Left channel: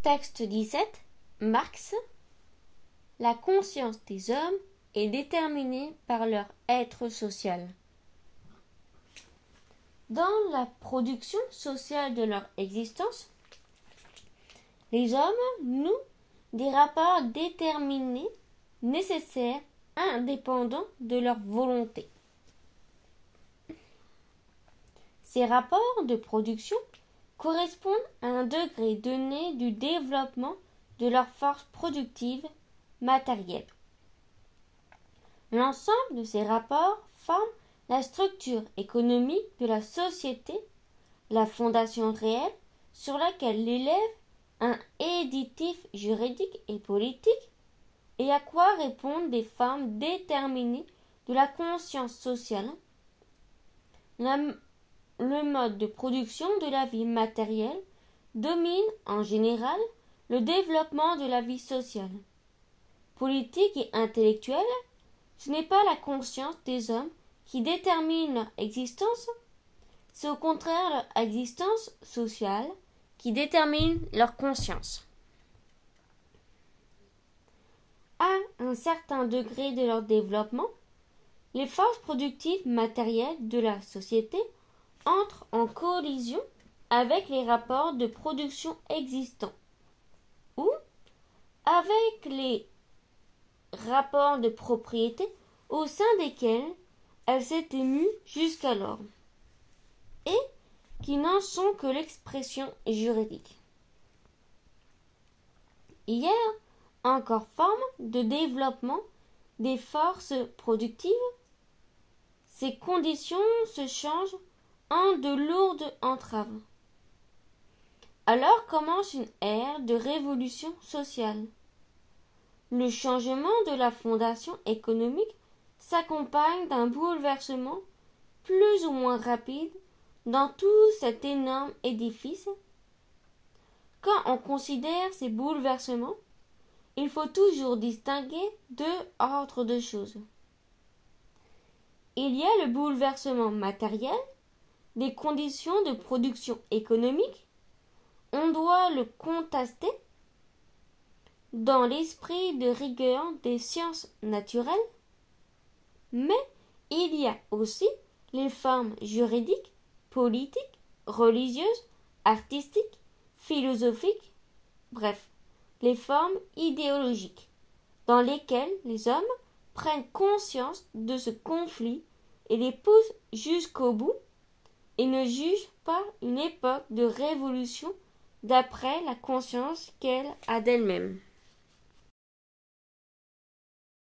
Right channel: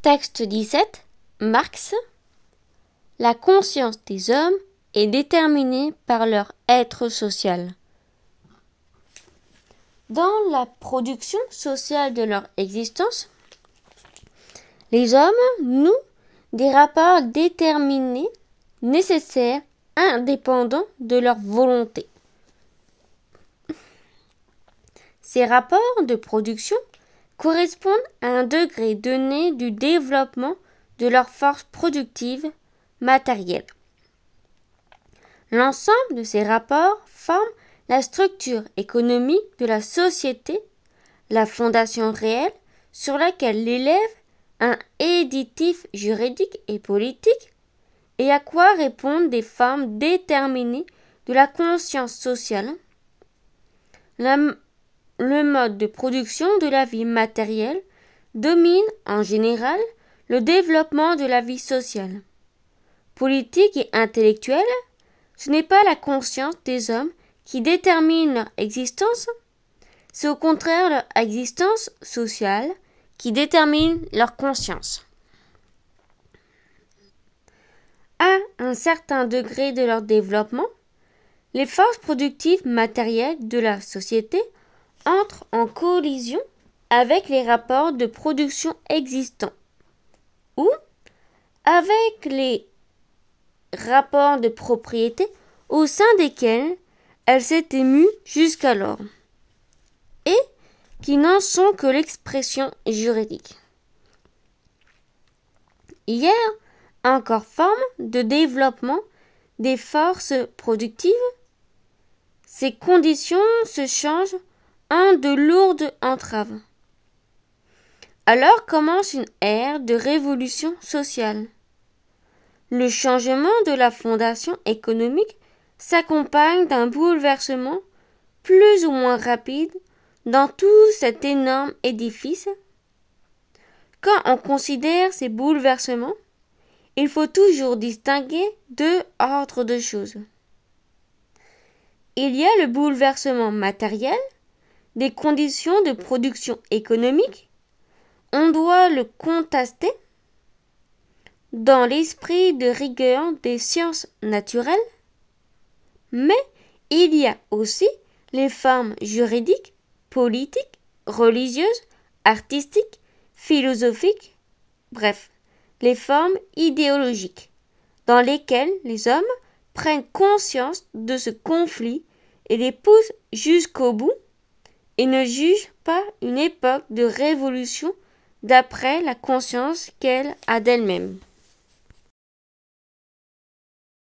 Texte 17. Marx. La conscience des hommes est déterminée par leur être social. Dans la production sociale de leur existence, les hommes nouent des rapports déterminés, nécessaires, indépendants de leur volonté. Ces rapports de production correspondent à un degré donné du développement de leur force productive matérielle. L'ensemble de ces rapports forme la structure économique de la société, la fondation réelle sur laquelle l'élève un éditif juridique et politique, et à quoi répondent des formes déterminées de la conscience sociale. Le mode de production de la vie matérielle domine en général le développement de la vie sociale. Politique et intellectuelle, ce n'est pas la conscience des hommes qui détermine leur existence, c'est au contraire leur existence sociale qui détermine leur conscience. À un certain degré de leur développement, les forces productives matérielles de la société entrent en collision avec les rapports de production existants ou avec les rapports de propriété au sein desquels elles s'étaient mues jusqu'alors et qui n'en sont que l'expression juridique. Il y a encore forme de développement des forces productives. Ces conditions se changent en de lourdes entraves. Alors commence une ère de révolution sociale. Le changement de la fondation économique s'accompagne d'un bouleversement plus ou moins rapide dans tout cet énorme édifice. Quand on considère ces bouleversements, il faut toujours distinguer deux ordres de choses. Il y a le bouleversement matériel des conditions de production économique. On doit le contester dans l'esprit de rigueur des sciences naturelles, mais il y a aussi les formes juridiques, politiques, religieuses, artistiques, philosophiques, bref, les formes idéologiques, dans lesquelles les hommes prennent conscience de ce conflit et les poussent jusqu'au bout et ne jugent pas une époque de révolution d'après la conscience qu'elle a d'elle-même.